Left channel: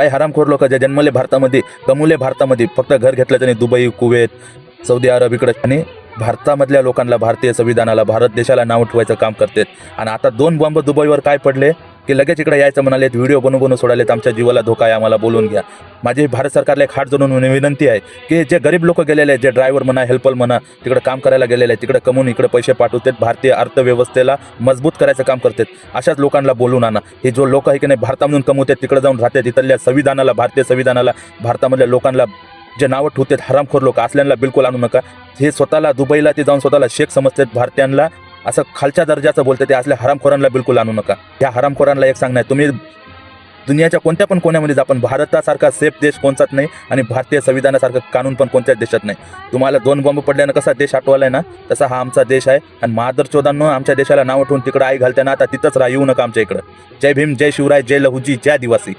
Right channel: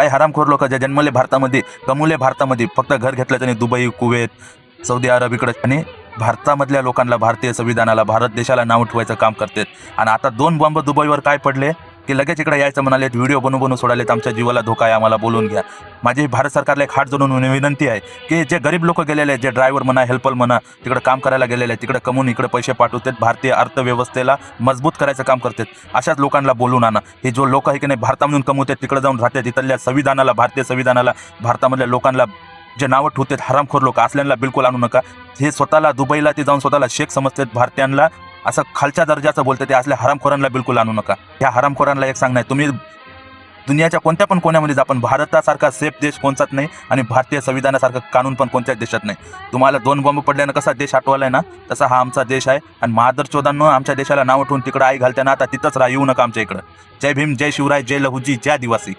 काही हरामखोर लोक जे जन्मले भारतामध्ये, कमवले भारतामध्ये, फक्त घर घेतलं त्याने दुबई, कुवेत, सौदी अरब इकडे, आणि भारतामधल्या लोकांना, भारतीय संविधानाला, भारत देशाला नाव ठेवायचं काम करतात. आणि आता 2 बॉम्ब दुबईवर काय पडले की लगेच इकडे यायचं म्हणाले, व्हिडिओ बनवून सोडालेत, आमच्या जीवाला धोका आहे, आम्हाला बोलून घ्या. माझी भारत सरकारला एक हात जोडून विनंती आहे की जे गरीब लोक गेलेले आहेत, जे ड्रायव्हर म्हणा, हेल्पर म्हणा, तिकडे काम करायला गेलेले आहेत, तिकडे कमवून इकडे पैसे पाठवतात, भारतीय अर्थव्यवस्थेला मजबूत करायचं काम करतात, अशाच लोकांना बोलून आणा. हे जो लोक आहे की नाही भारतामधून कमवतात, तिकडे जाऊन राहतात, इथल्या संविधानाला, भारतीय संविधानाला, भारतामधल्या लोकांना जे नावं ठेवतात, हरामखोर लोक, असल्यांना बिलकुल आणू नका. हे स्वतःला दुबईला ते जाऊन स्वतःला शेख समजतात, भारतीयांना असं खालच्या दर्जाचं बोलते, ते असल्या हरामखोरांना बिलकुल आणू नका. ह्या हरामखोरांना एक सांगणं आहे, तुम्ही दुनियाच्या कोणत्या पण कोण्यामध्ये जा, पण भारतासारखा सेफ देश कोणताच नाही, आणि भारतीय संविधानासारखं कानून पण कोणत्याच देशात नाही. तुम्हाला 2 बॉम्ब पडल्यानं कसा देश आठवलाय ना, तसा हा आमचा देश आहे. आणि मादरचोदांनो, आमच्या देशाला नाव ठेवून तिकडं आई घालताना आता तिथंच येऊ नका आमच्या इकडं. जय भीम, जय शिवराय, जय लहुजी, जय आदिवासी.